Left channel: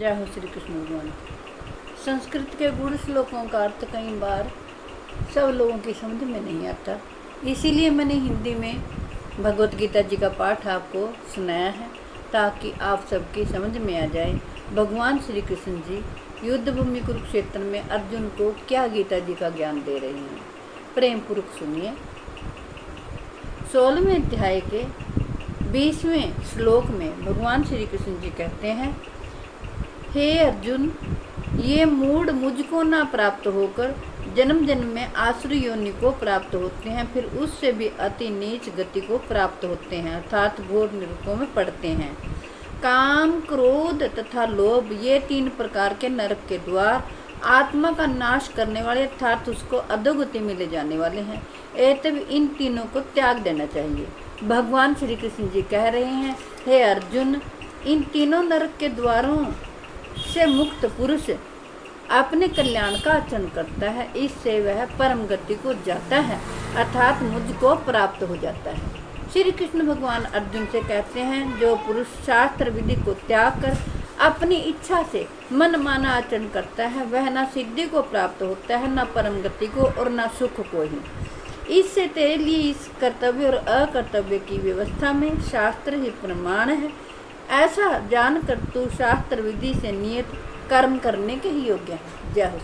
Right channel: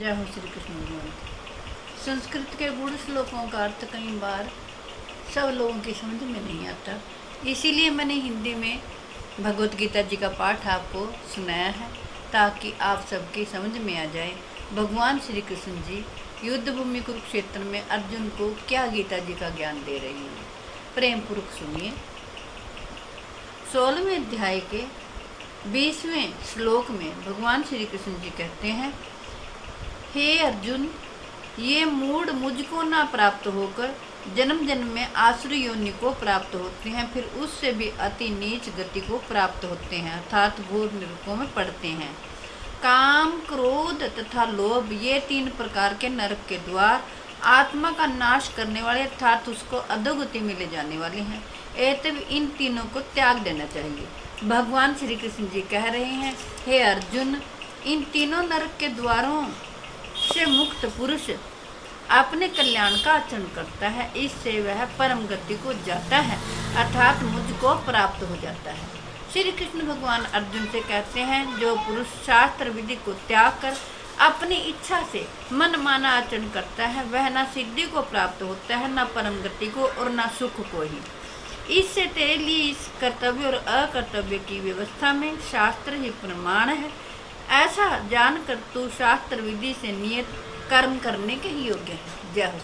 जय हो श्री कृष्ण भगवान। संस्कृत के गुण श्लोकों का अर्थ कई बार सब लोगों की समझ में नहीं आता, इसीलिए मैंने हिंदी में भगवत गीता जी का पाठ आपको सुनाया है ताकि आप सबकी समझ में आ जाए। भगवान श्री कृष्ण जी युद्ध भूमि कुरुक्षेत्र में अर्जुन को क्या गीता जी का ज्ञान दे रही हैं, प्रेम पूर्वक सुनिए। 16वें अध्याय के 20वें श्लोक में भगवान श्री कृष्ण जी कहते हैं, हे अर्जुन, ये मूढ़ मुझको ना प्राप्त होकर जन्म जन्म में आसुर योनि को प्राप्त होते हैं, फिर उससे भी अति नीच गति को प्राप्त होते हैं, अर्थात घोर नरकों में पड़ते हैं। काम, क्रोध तथा लोभ ये 3 प्रकार के नरक के द्वार आत्मा का नाश करने वाले अर्थात उसको अधोगति में ले जाने वाले हैं। एतव इन तीनों को त्याग देना चाहिए। भगवान श्री कृष्ण जी कह रहे हैं, हे अर्जुन, इन तीनों नरक के द्वारों से मुक्त पुरुष अपने कल्याण का आचरण करता है, इससे वह परम गति को जाता है अर्थात मुझको प्राप्त हो जाता है। श्री कृष्ण भगवान अर्जुन से कहते हैं, जो पुरुष शास्त्र विधि को त्याग कर अपनी इच्छा से मन माना आचरण करता है, वह न सिद्धि को प्राप्त होता है, न परम गति को और न सुख को ही। इससे तेरे लिए इस कर्तव्य और अकर्तव्य की व्यवस्था में शास्त्र ही प्रमाण है। ऐसा जानकर तू शास्त्र विधि से नियत कर्म करने के ही योग्य है। जय हो।